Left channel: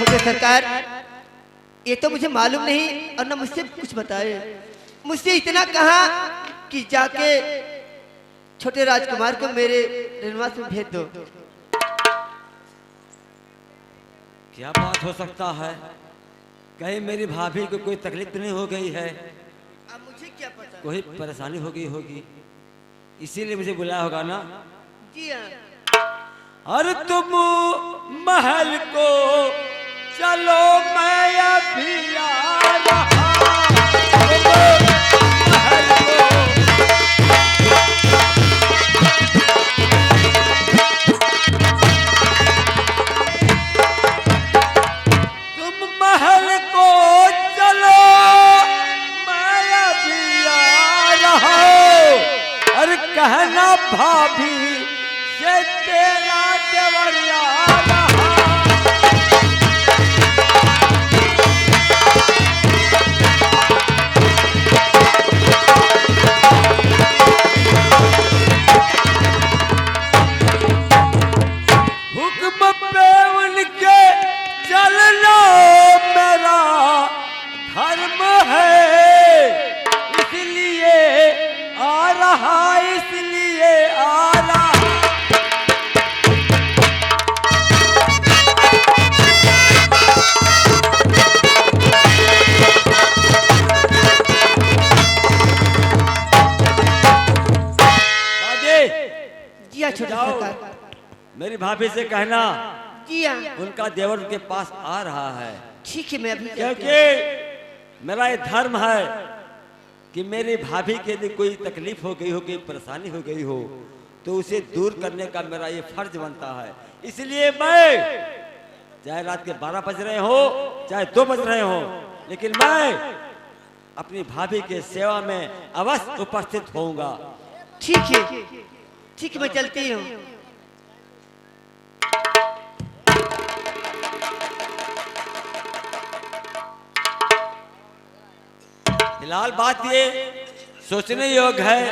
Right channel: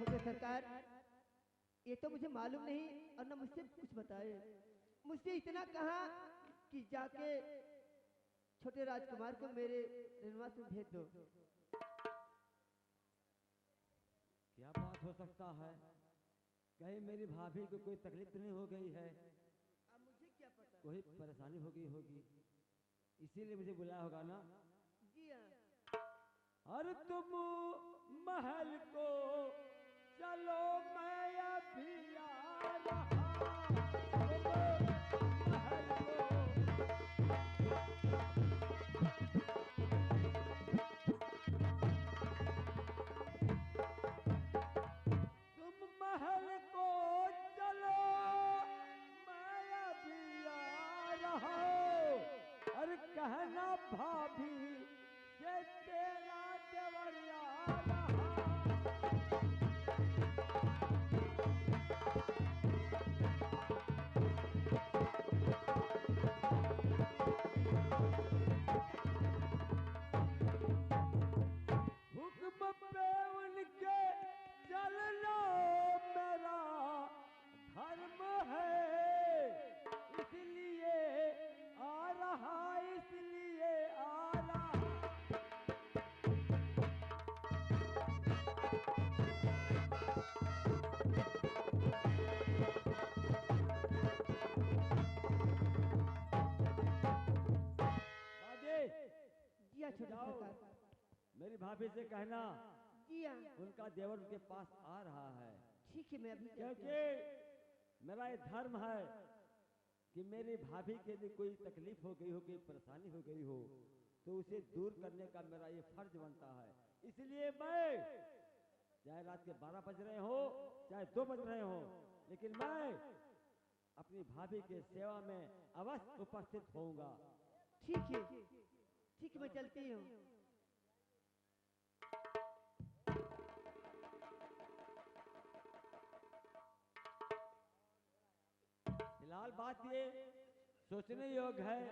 छोटे सरकार, ये तो मुझे मालूम नहीं और न मुझसे कुछ बताए। मुझसे इतना कहा कि जाके छोटे राजकुमार को मेरे रनवास में भेज दो। क्या बात हो सकता है? कहीं मेरी भाभी को कोई तकलीफ नहीं हो गई है? अब मुझे क्या पता, कोई परेशानी हो गई होगी, इसीलिए मुझे बुलाया होगा ना। जी हाँ। अरे तुम महल को चलो, मैं अभी आ रहा। तुम महल को चलो, मैं अभी आ रहा। अरे कहना भाभी से तेरा देवरिया रहा। हुक्म पे उनके चलना मेरा धर्म है, इसलिए आ रहा, इसलिए आ रहा। जी हाँ छोटे सरकार। मेरी भाभी से कहना जी हाँ, उनका देवर उनके पास आ रहा है, ठीक है मैं अभी क्योंकि मेरा ये धर्म है कि मेरी भाभी के लिए कोई तकलीफ हो गई हो, कोई परेशानी हो गई हो, तो उसे दूर करने का मेरा ये फर्ज बनता है। इसलिए मैं, चाहे रात के 12 बज रहे हो, चाहे 2 बज रहे हो, लेकिन मैं अपनी भाभी के सेवा में अवश्य उपस्थित होऊंगा। ठीक है, ठीक है मैं चलती हूँ। फिलहाल बात ये सोचने योग्य है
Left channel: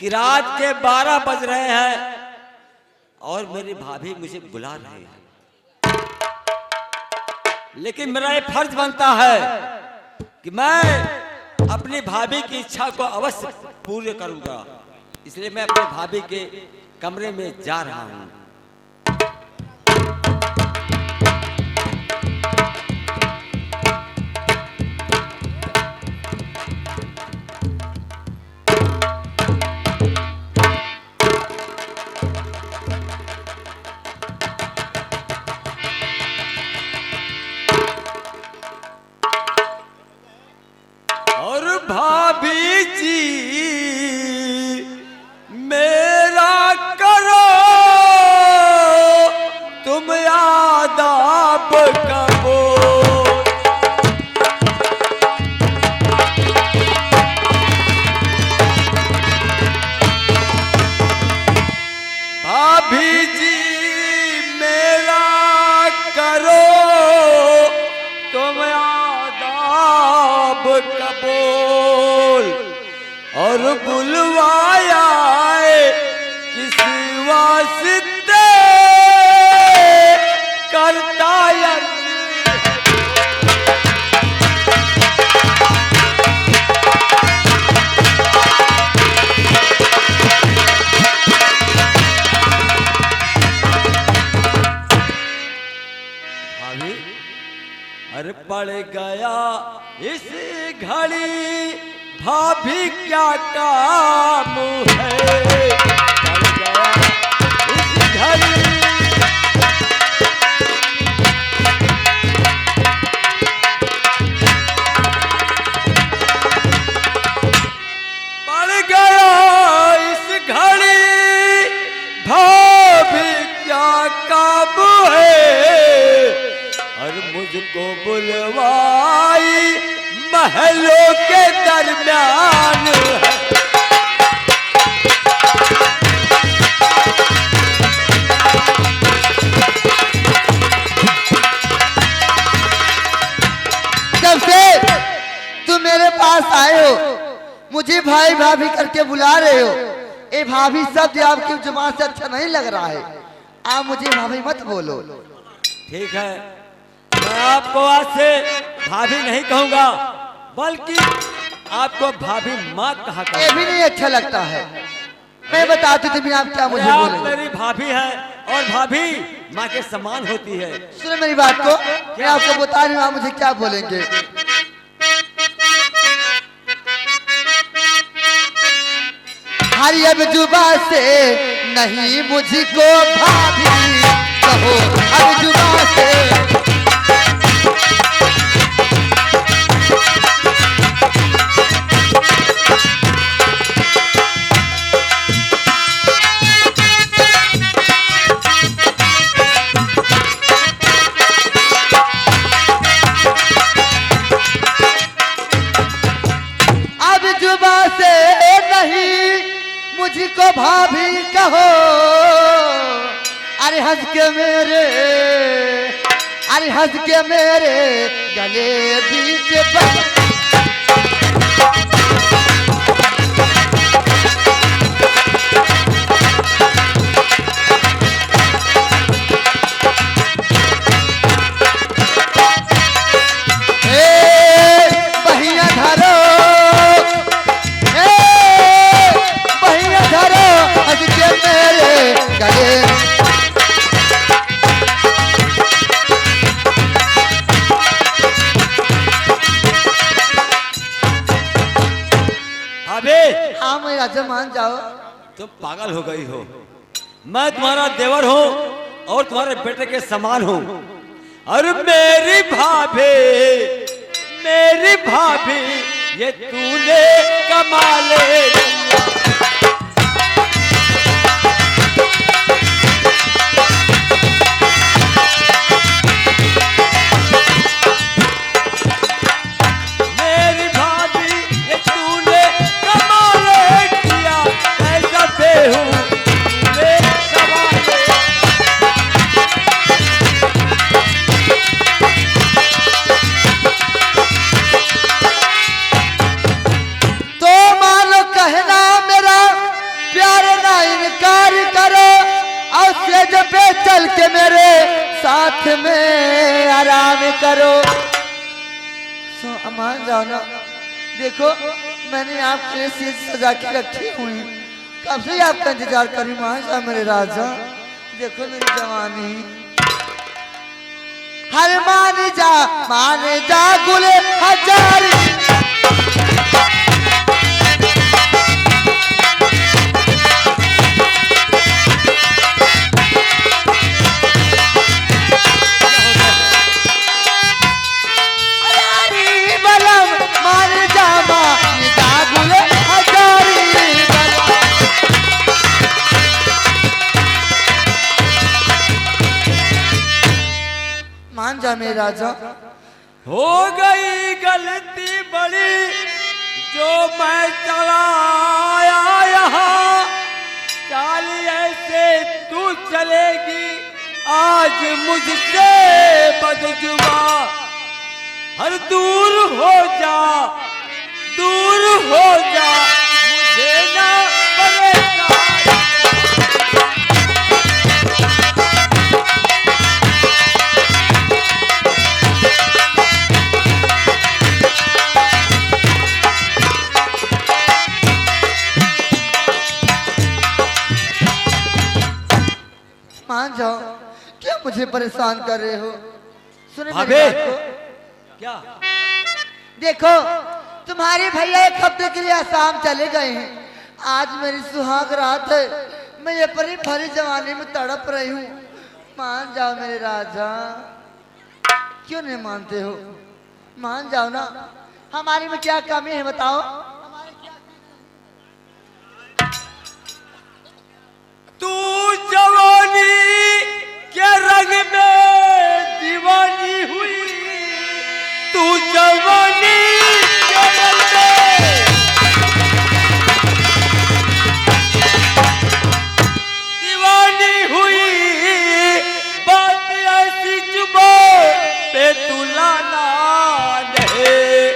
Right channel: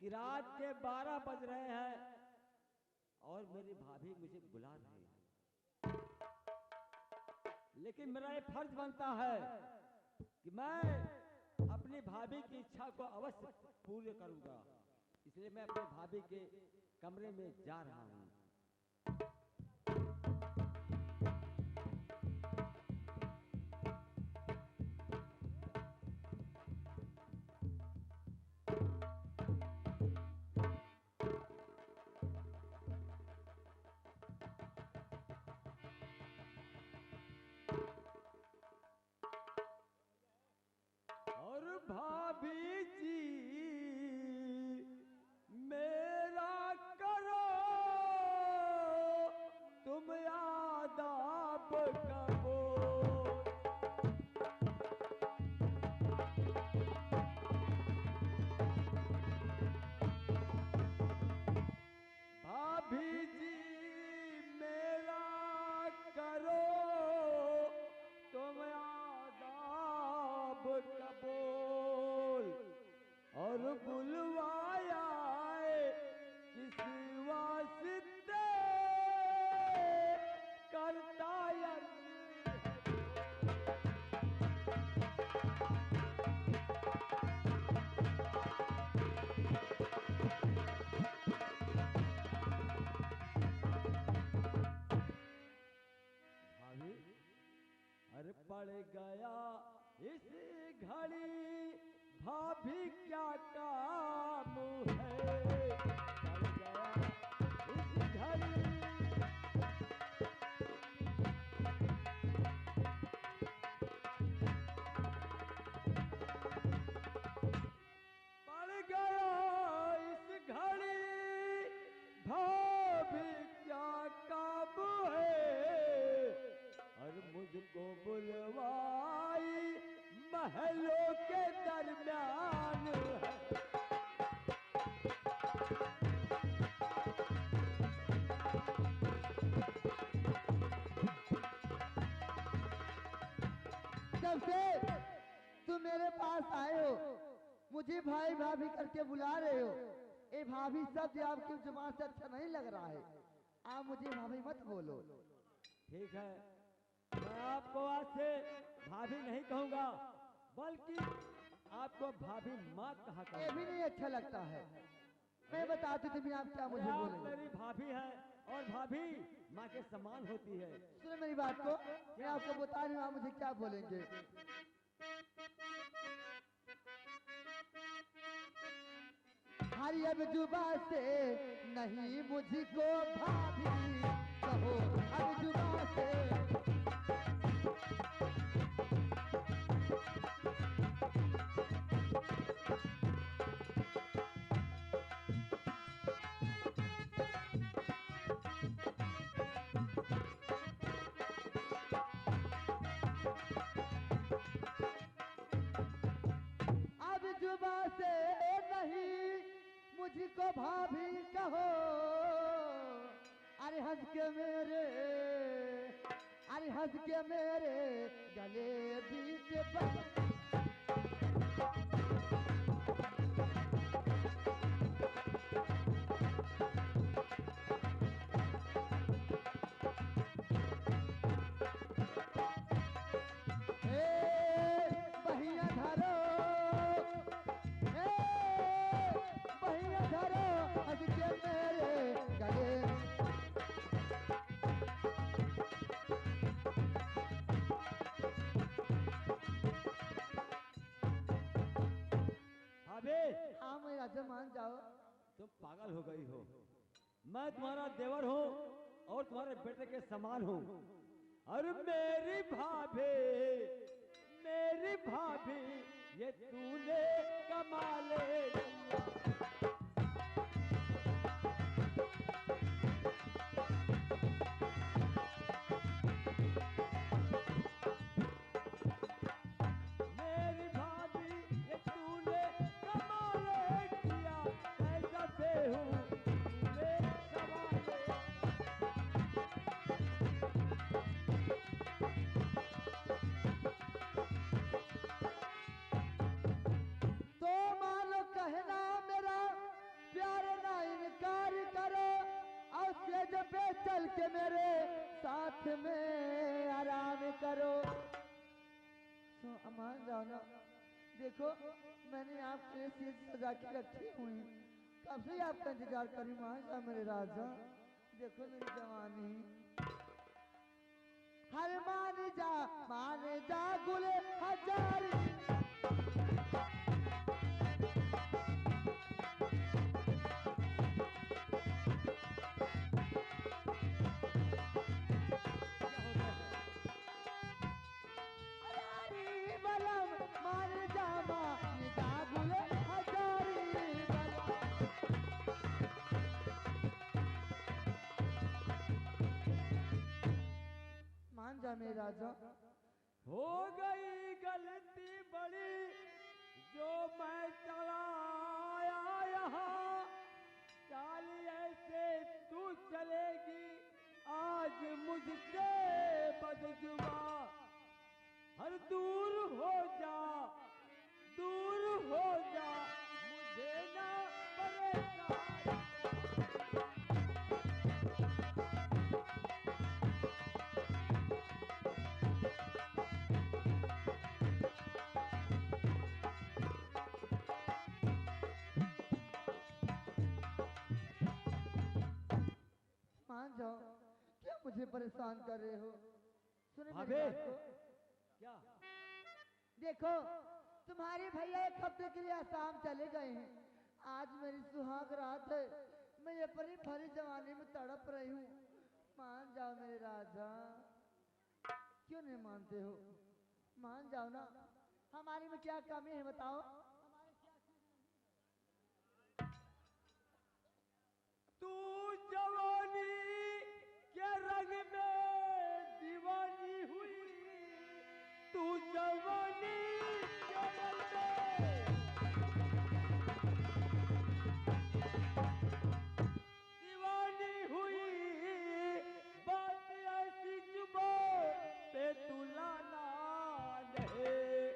कि रात के 12 बज रहे हैं और मेरी भाभी मुझे बुला रही है, लेकिन मेरा ये फर्ज बनता है कि मैं अपनी भाभी की इच्छा को अवश्य पूर्ण करूंगा। इसलिए मैं अपनी भाभी के कमरे में जा रहा हूं। और भाभी जी मेरा करो तुम आदाब कबो। भाभी जी मेरा करो तुम आदाब कबूल। और बुलवाया किसी वास्ते करता भाभी। अरे पड़ गया इस घड़ी भाभी क्या काम है, पड़ गया इस घड़ी। पड़ गया इस घड़ी भाभी क्या काम है। और मुझको बुलवाई महलों के दरमियान है। जब से तुम मेरे पास आए हो, मुझे भाई भाभी करके बुला रहे हो, ये भाभी शब्द आपकी जुबान से अच्छा नहीं लग रहा है। आप मुझे भाभी मत बोलो। ठीक है, मैं आपको आज से भाभी नहीं कहूंगा, बल्कि आपको भाभी माँ कहा ये करूंगा। भी नहीं अच्छा लगता है। मैं बताती थी आप क्या मुझे आप बोलेंगे। मेरी भाभी है और भाभी माँ के समान होती है। सुनो मेरी बात को, मैं आपको बता रही हूँ आप मुझे क्या बोलेंगे। हरी अब जुबा से नहीं मुझको भाभी कहो, अब जुबा से। अब जुबा से नहीं मुझको भाभी कहो, अरे हंस के मेरे, अरे हंस के मेरे गले बीच बहिया धरो, बहिया धरो हंस के मेरे गले। भाभी हाँ मैं राजा मान जाओ। तुम पागल हो गई हो। मैं तुम्हारा देवर हूँ और तुम्हारे बेटे के समान हूँ। और मेरी भाभी ये तूने कमाले। मेरी भाभी ये तूने कमाले किया, ऐसा बेहू तूने कमाले। तो मानो कहना मेरा प्यार ना इनकार करो, और सेज पे चल के मेरे साथ में आराम करो। मान जाओ ना। देखो मैंने आपके लिए सेज सजा के रखी हुई, कब से आपका इंतजार करी। मान जाओ मेरे राजा, देखो मेरी जवानी। हर मान जा गुले हजारी। मान जा मेरे राजा। हो गई गलती बड़ी जो मैं चला आया यहाँ। चाल ऐसे तू चलेगी आज मुझसे बदजुबा। हर दूर हो जा, दूर हो जा, मुझे ना परेशान। मान जाओ, क्यों मुझे परेशान कर रहे हो। सुने मेरी भाभी। बात को। क्या देखो तुम्हारे भैया एक हफ्ते के लिए आसाम चले गए हैं। आज मेरी सुहाग रात है, मैं ये परी भरी जवानी में तड़प रही हूँ। मान जाओ मेरे राजा। क्यों नहीं मानते हो? मान जाओ ना। हमारी में क्या कमी है बताओ। तू जवानी के रंग में दीवानी हुई। तू जवानी के रंग में दीवानी हुई। बात ऐसी जुबान पे तू लाना नहीं।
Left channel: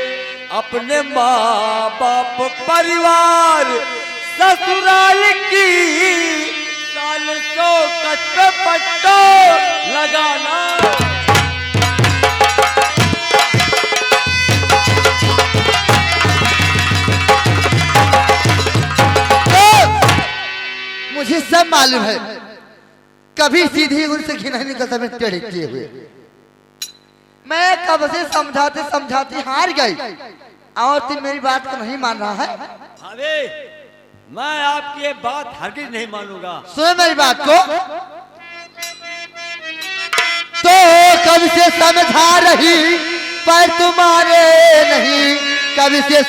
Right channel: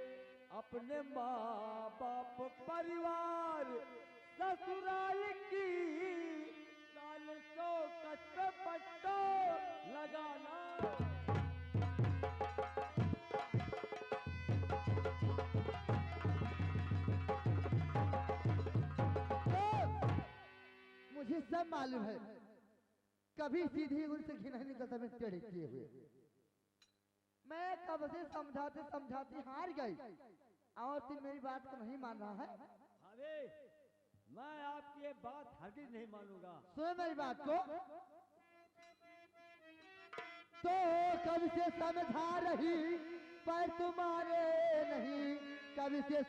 अपने माँ बाप परिवार ससुराल की साल सौ कट पे पट्टो लगाना। मुझे सब मालूम है, कभी सीधी उनसे घी नहीं निकलता मैं टेढ़े किए हुए। मैं कब से समझाते समझाते हार गई और तुम मेरी बात को नहीं मान रहा है। भाभी, मैं आपकी ये बात हरगिज नहीं मानूंगा। सुनो मेरी बात को, तो कब से समझा रही पर तुम्हारे नहीं, कब से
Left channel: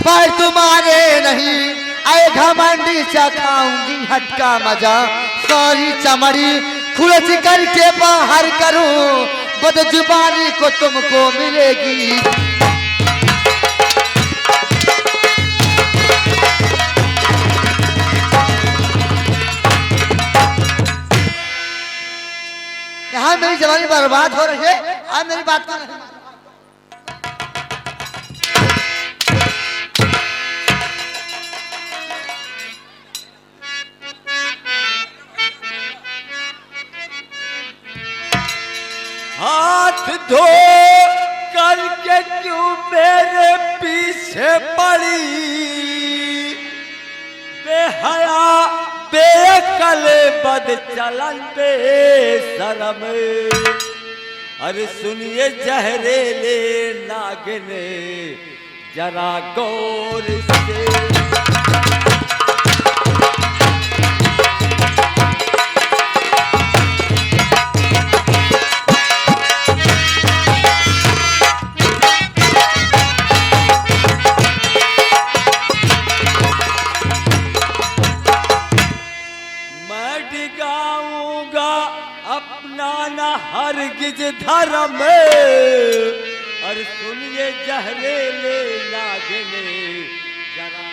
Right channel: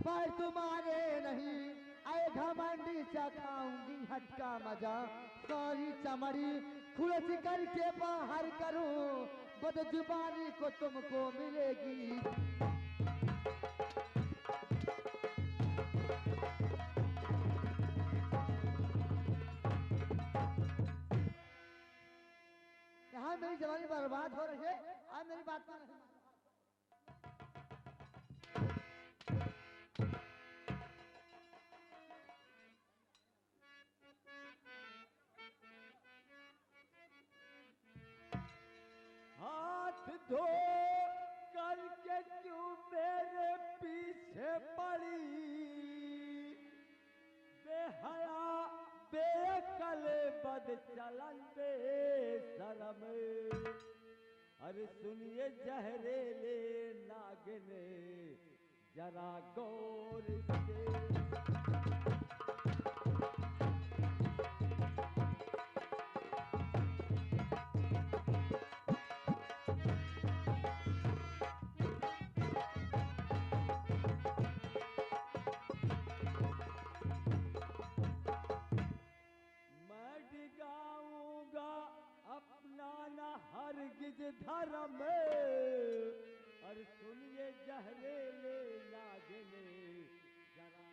पर तुम्हारे नहीं, आए घमंडी चखाऊंगी हटका मजा, सॉरी चमड़ी खुलच करके बाहर करूं, बदजुबानी को तुमको मिलेगी। यहाँ मेरी जवानी बर्बाद हो रही है, आप मेरी बात को नहीं। हाथ धो करके क्यों मेरे पीछे पड़ी, बेहया बेअकल बद चलन बेशरम। अरे सुनिए जहरीले नागिन जरा गौर से, हरगिज धर्म। और सुनिए जहरीले नागिन जरा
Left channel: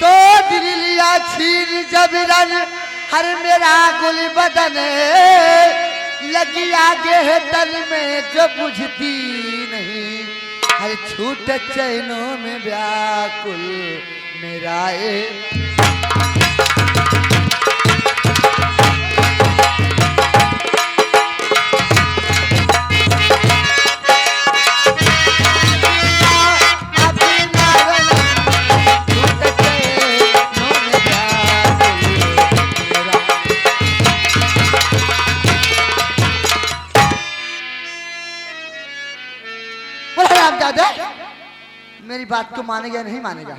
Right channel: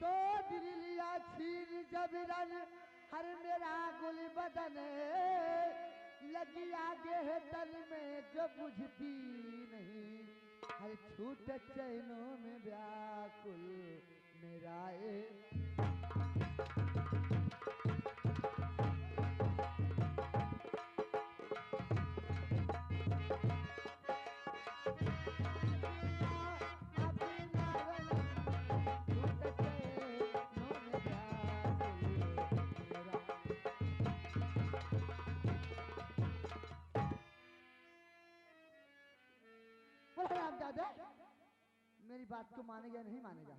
तो दिल लिया छीन जबरन हर मेरा गुल बदन, लगी आगे है तन में जो बुझती नहीं, हर छूट चैनों में व्याकुल मेरा मेरी बात को मानेगा नहीं मानेगा,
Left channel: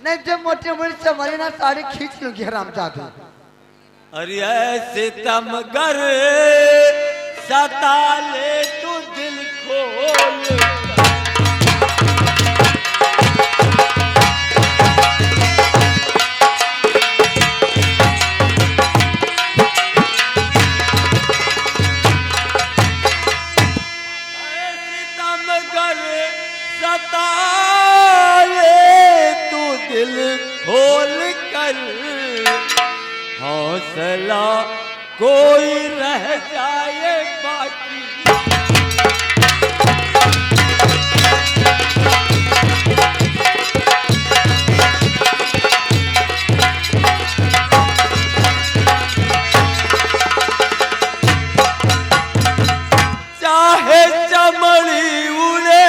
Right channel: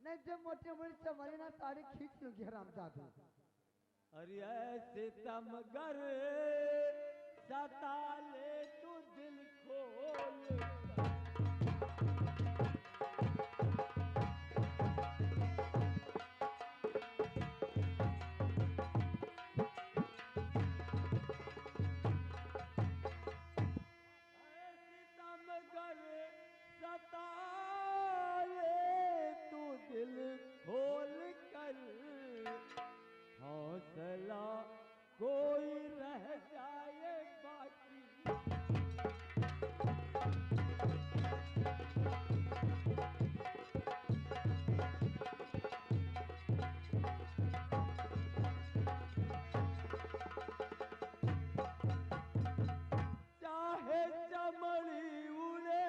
नहीं जो मोटे मोटे चमड़े ना साड़ी खींच लूंगी हरामजादा। अरे ऐसे तमगर सता ले तू दिल खोल, ऐसे तमगर सता ले तू दिल खोल कर, हौसला कोई रह जाए बाकी। चाहे चमड़ी उड़े,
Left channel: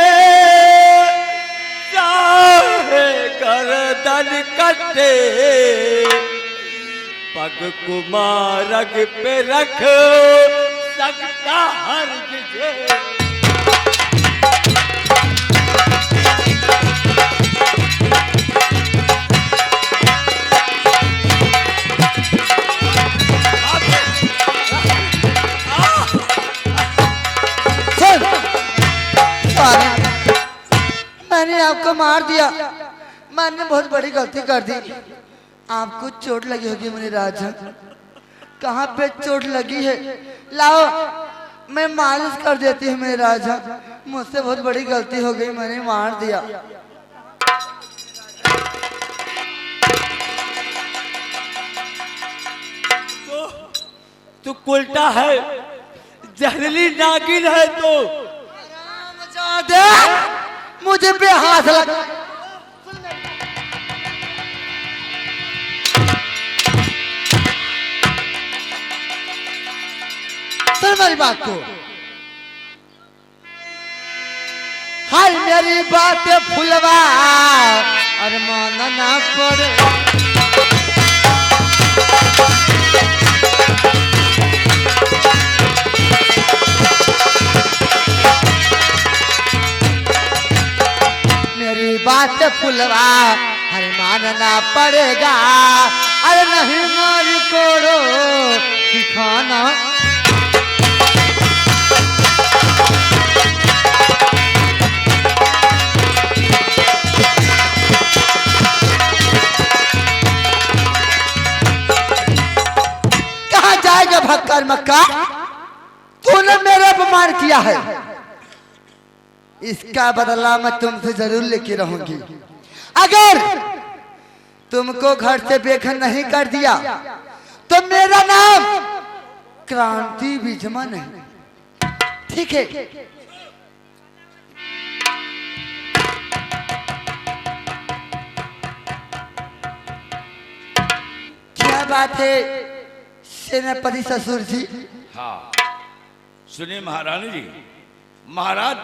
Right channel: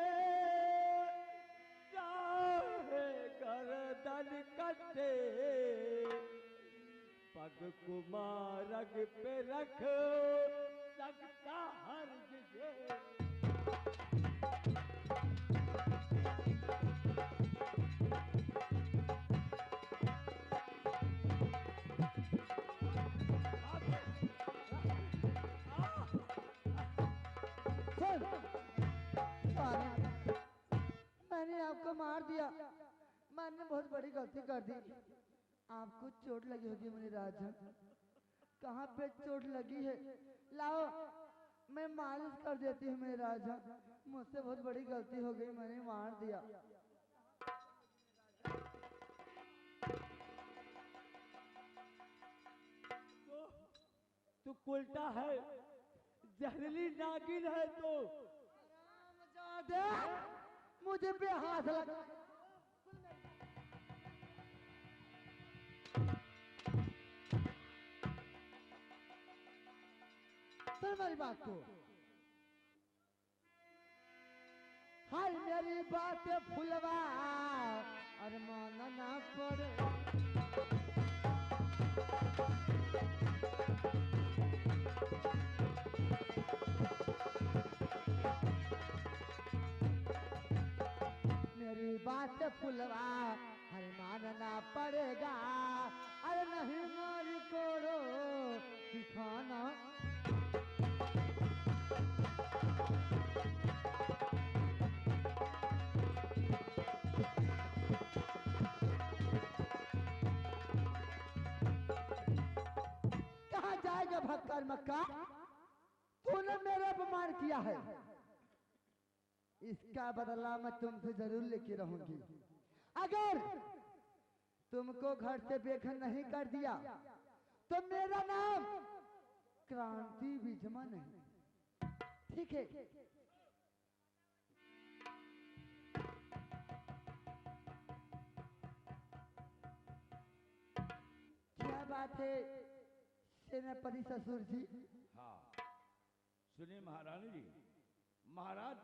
चाहे गर्दन कटे, पग कुमारग पे रख सकता हरगिज। मैंने आपको मार दिया, मैंने बहुत बड़ी गलती कर दी। आपको चोट लगी होगी मेरे राजा, कहाँ पे चोट लगी है लाओ मैं मालिश कर देती हूँ मेरे राजा, मुझसे बहुत बड़ी गलती हो गई, मैंने मार दिया। तू उल्टा है, जहरीली नागिन है तो। मुझे पे हाथ लगा। सुन मेरी बात को। हाय मेरी बात फुलवा और मानना पड़े। मेरी बात फुलवा हर मानना पड़ेगा। अरे नहीं मारी कोड़ो सिखाना। कहाँ जाएगा भक्कर मक्का? तूने मेरा अपमान किया है, इसका बदला मैं तुमसे जरूर लेके रहूंगी। अगर तुमको घर से बेघर नहीं कर दिया तो मेरा नाम क्रांति विजमा नहीं, ठीक है? क्या बात है सेनापति ससुर जी? हाँ सुनिए महारानी जी, महाराज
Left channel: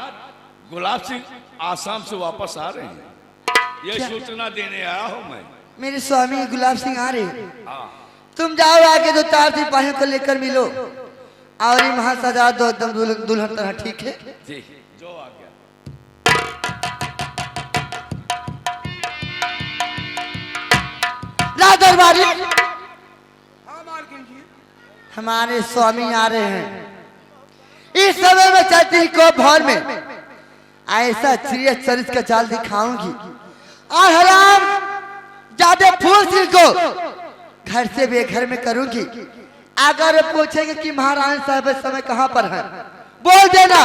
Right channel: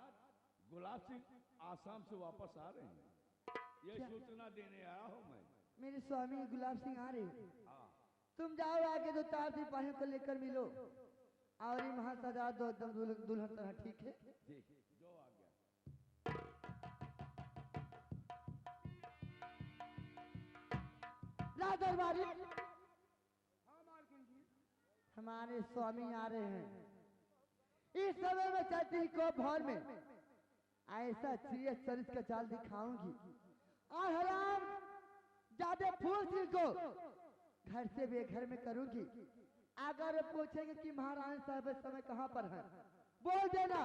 गुलाब सिंह आसाम से वापस आ रहे हैं, ये सूचना देने आया हूँ मैं। मेरे स्वामी गुलाब सिंह आ रहे हैं। हाँ तुम जाओ आगे दो चार सिपाहियों को लेकर मिलो और ये महासजा दो एकदम दुल्हन तरह, ठीक है? जी जो आ गया। राज दरबारी, हमारे स्वामी आ रहे हैं। इस समय में चलती को भवन में ऐसा चिड़िया चरित्र का चाल दिखाऊंगी और हराम ज्यादा फूल सिंह को घर से बेघर में करूंगी। अगर पूछेंगे कि महारानी साहब इस समय कहाँ पर है, बोल देना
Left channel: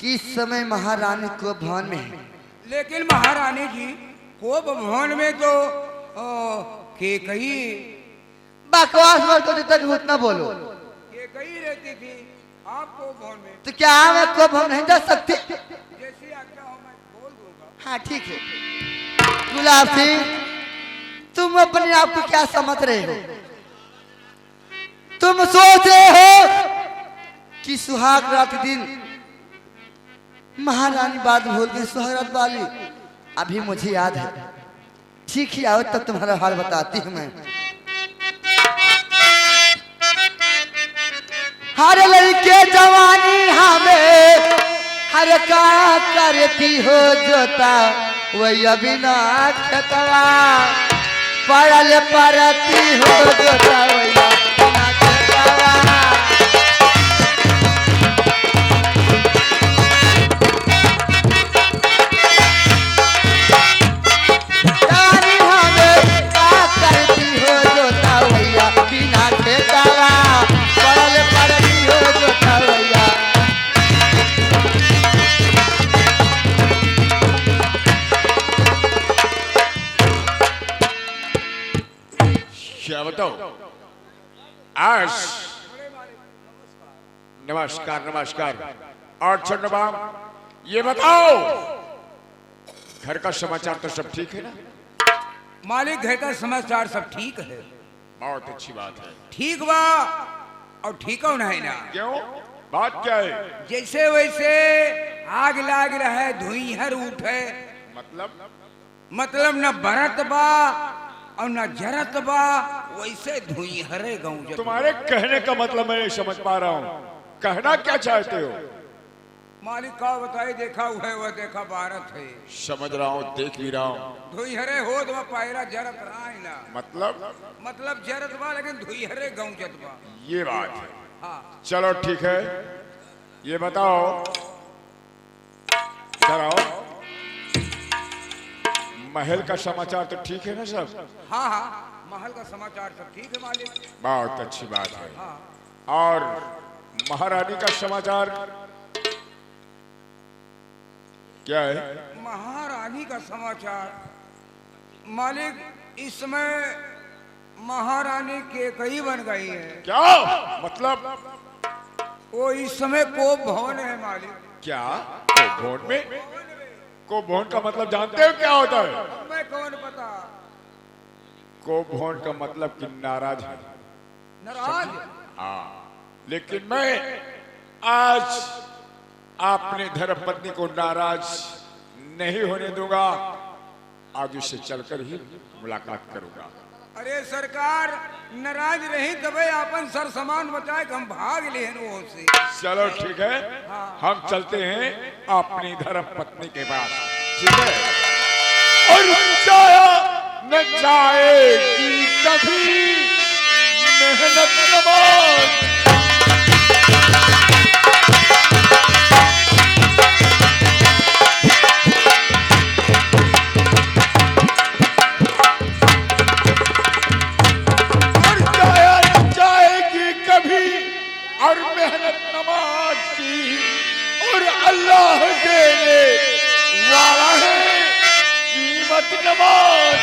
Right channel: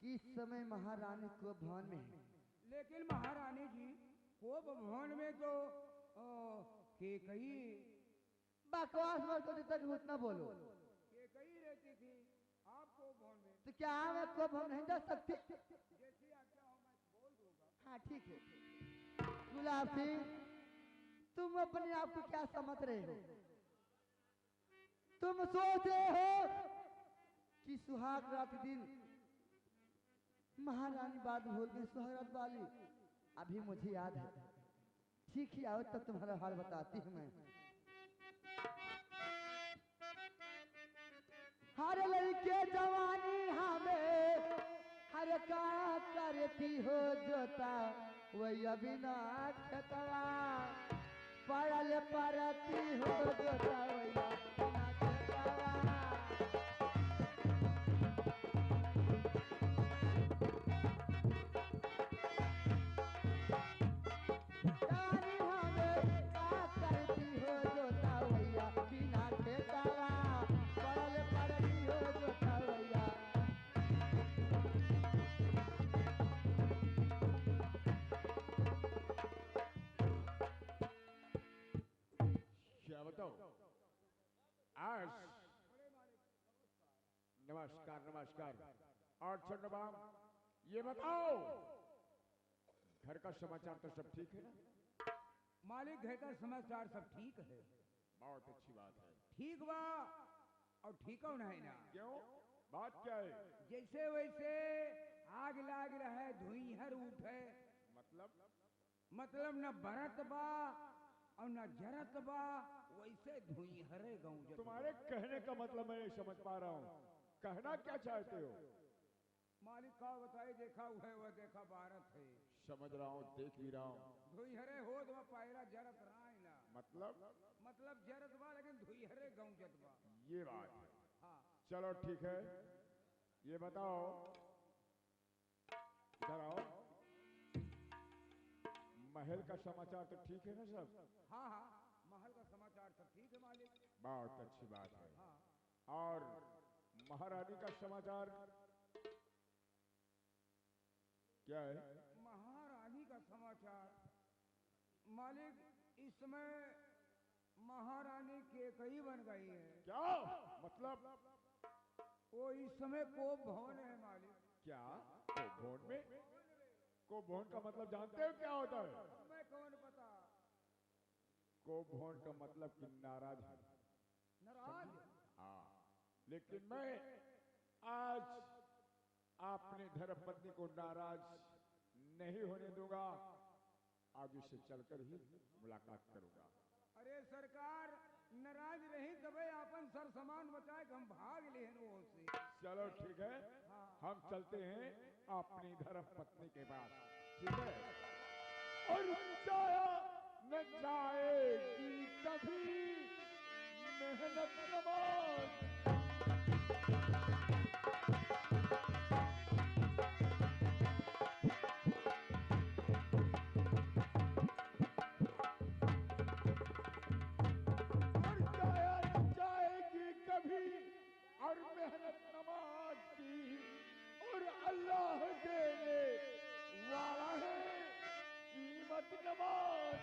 कि इस समय महारानी को भवन में है। लेकिन महारानी जी को भवन में तो के कही बकवास मत करो, तक उतना बोलो। के कही रहती थी आपको भवन में, तो क्या मैं को भवन नहीं जा सकती? जैसी आज्ञा हो मैं बोल दूंगा। हाँ ठीक है। गुलाब सिंह, तुम अपने आप को क्या समझ रहे हो? तुम सोच रहे हो कि सुहाग रात के दिन महारानी बात भूल गई, सुहाग रात वाली अभी मुझे याद है। ठीक ही आओ तब तुम्हारा हाल बताती हूँ मैं। हर लड़के जवानी हमें हर का करती हो जोता वही अभी ना खतवा पड़ल परती हो जोता वही ना खतवा। जवानी हमें का करती हो जोता वही अभी ना खतवा पड़ल परती हो जोता वही। क्या बताओ आज? नमस्कार नमस्कार। और चंद्रबाम ये बताओ घर का समाचार तो सब ठीक है ना? मालिक घर का समाचार सब ठीक है। बहुत अच्छी बात है। ठीक बा और ठीक हो नहीं ना, क्यों? बात क्या है? जैसे वैसे आग लाग रहा है, धुइहर उठे, मतलब न बरत बा और न जरत बा, वैसे धुइहरे गाँव। तुम्हारे कहने का मतलब मैं नहीं समझ पा रहा हूँ, कहना क्या चाहते हो? मालिक का बताए, देखा हुआ है वह देखा भारत है। समझ रहा हूँ, देख भी रहा हूँ। धुइहरे हो तो पायरा जरत रहा है ना, मतलब जरत बा लेकिन धुइहरे गाँव जत बा। ये बात है। हाँ चलो ठीक है, ये बताओ इधर आओ। महल का समाचार तो ठीक है ना सब? हाँ हाँ महल का समाचार सब ठीक है मालिक। बहुत अच्छी बात है। हाँ और महारानी का समाचार क्या है? महारानी का समाचार मालिक, इस समय महारानी के कई बन गई है। क्या मतलब? वो इस समय कोप भवन है मालिक। क्या भवन में? को भोन का मतलब जानते हो क्या होता है? मैं कौन पता। को भोन का मतलब कि नाराज है। नाराज? हाँ, लेकिन मैं आज अपनी धर्मपत्नी को नाराज नहीं होने दूंगा। आज उससे चलकर ही मुलाकात करूंगा। अरे सरकार, नाराज रही तबे अपन सर सामान बचाए हम भाग लेन वो से। चलो ठीक है, हम चलते हैं अपनी धर्मपत्नी के पास, ठीक है? और जाया न जाएगी कभी मेहनत नमाज। और मेहनत नमाज की, और अल्लाह देने वाला है कीमत नमाज।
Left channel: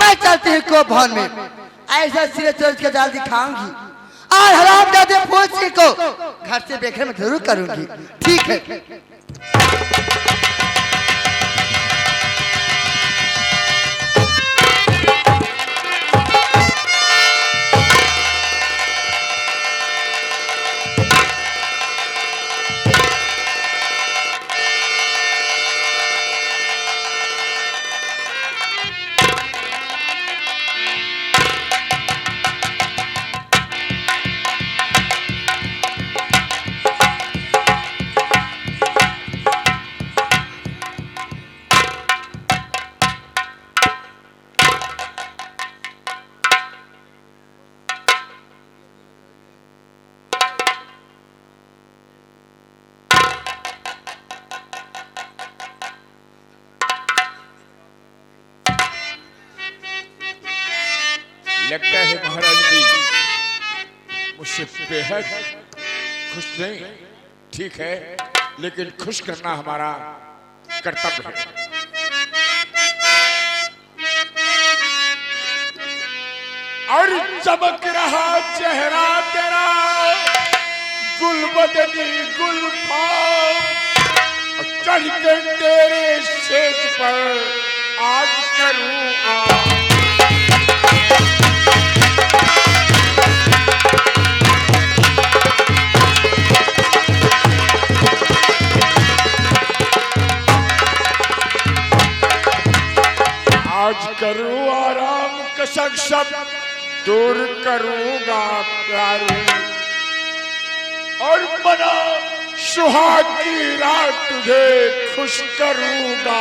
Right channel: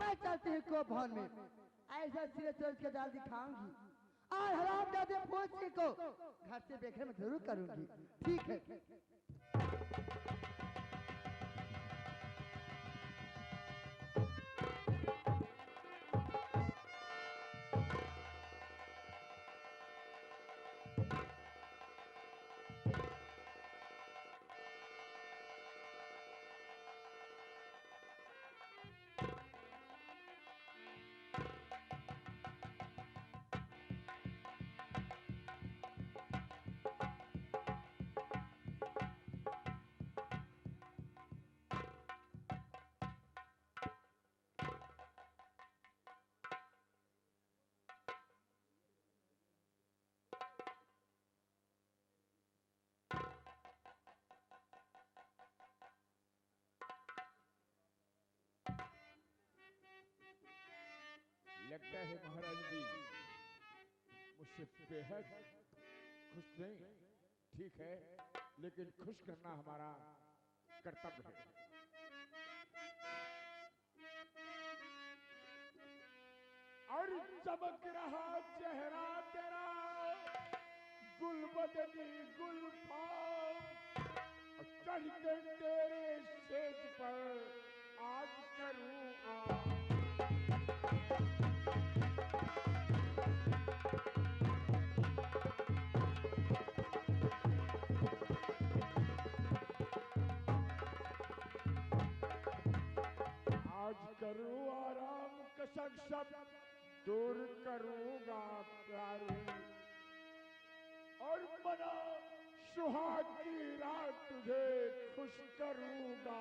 मैं चलती हूँ को भवन में, ऐसा सिरे चोर के जाल दिखाऊंगी और हराम दादे पूछी को घर से बेघर में जरूर करूंगी। ठीक है। लगता है महाराज जी मुझसे बेहद खुश नहीं। ठीक है, लेकिन खुश करना हमारा कर्तव्य है। और चमक रहा चेहरा तेरा गुलबदनी गुलफाम, चढ़ के तेरे शेष पर आज करूं आज करूं आराम कसक सब दूर करूंगा प्यारी, और मना सुहाग की रात तुझे खुश करूंगा।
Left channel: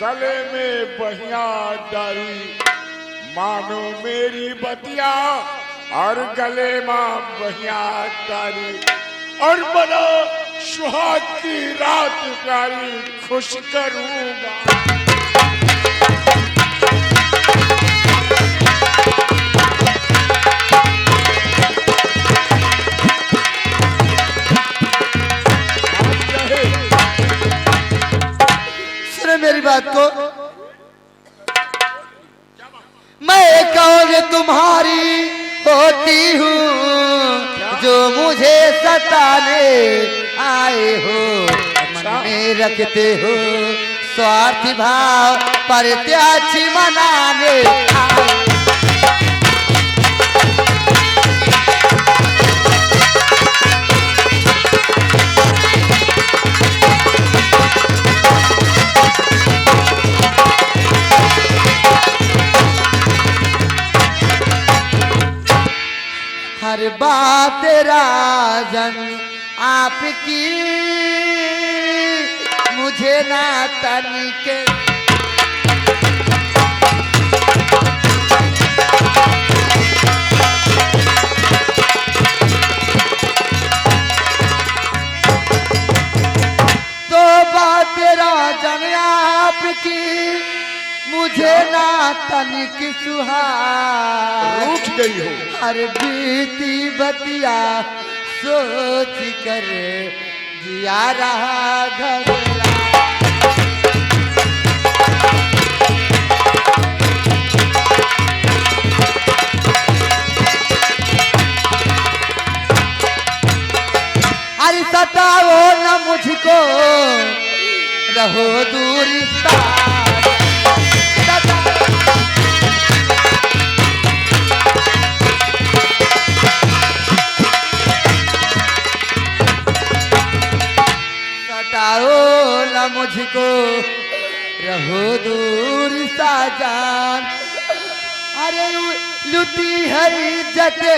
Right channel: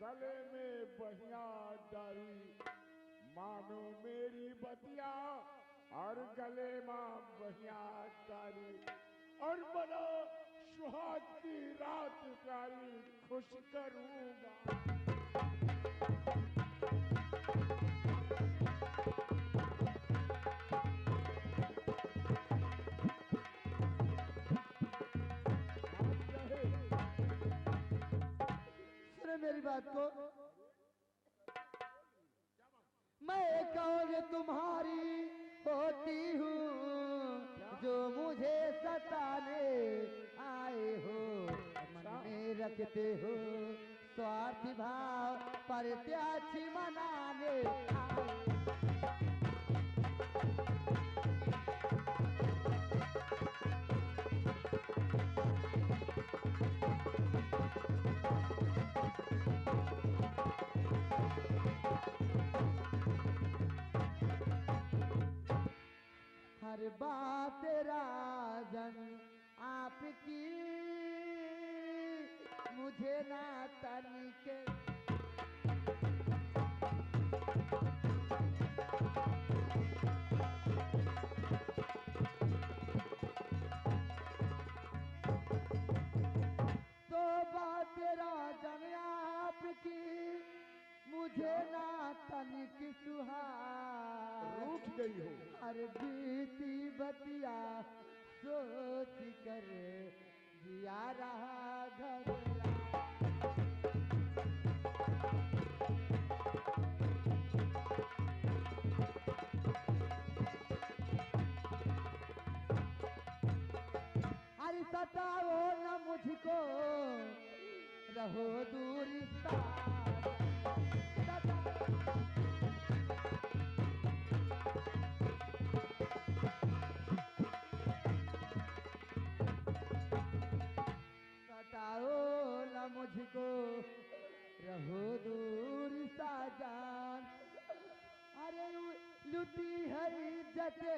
गले में बहिया डारी मानो मेरी बतिया, और गले में बहिया डारी, और बना सुहाग की रात प्यारी खुश करूंगा। मेरी बात को, मैं एक और तुम्हारी होती हूँ जो मुझे सताने आए हो, मन में रखते हो स्वार्थी भाव पर त्याची मनाने आए। हर बात राजन आपकी मुझे ना तनिके, तो बात राजन आपकी तनिक सुहाग रूठ गई हो। हर बीती बतिया सोच कर जिया रहा घबरा। अरे सताओ न मुझको रहो दूर सताओ न मुझको रहो दूर साजान। अरे लुटी हरी जटे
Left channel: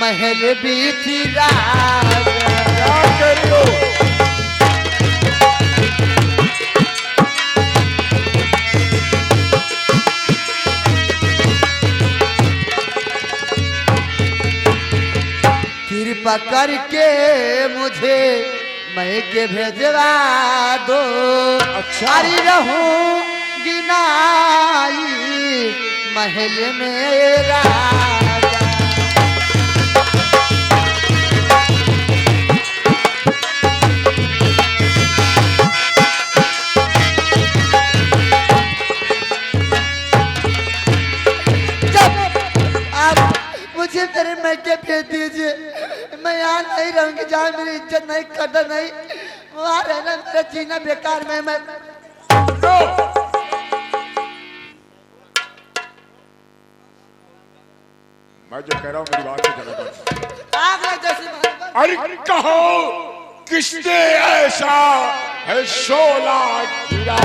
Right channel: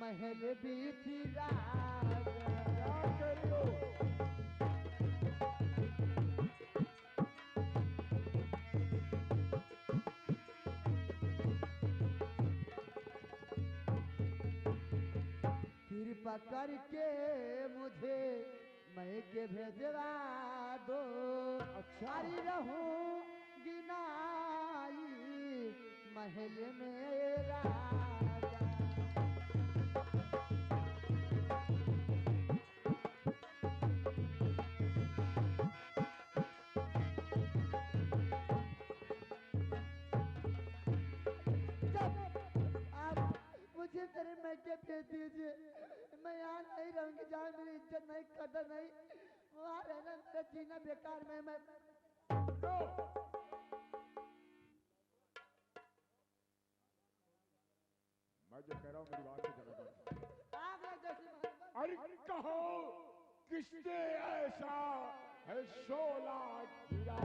महल बीच राज। क्या कह रही हो? कृपा करके मुझे मैं के भेजवा दो। अच्छा। अरे रहूंगी नाई महल में राजा। मुझे मेरे मैके भेज दीजिए, मैं यहाँ नहीं रहूंगी जहाँ मेरी इज्जत नहीं कदर नहीं, वहाँ रहना मेरा जीना बेकार में। मैं जो कह रहा हूँ मेरी बात से चला कर। आग लग जैसी अरे कहो किसने ऐसा है शोला गिरा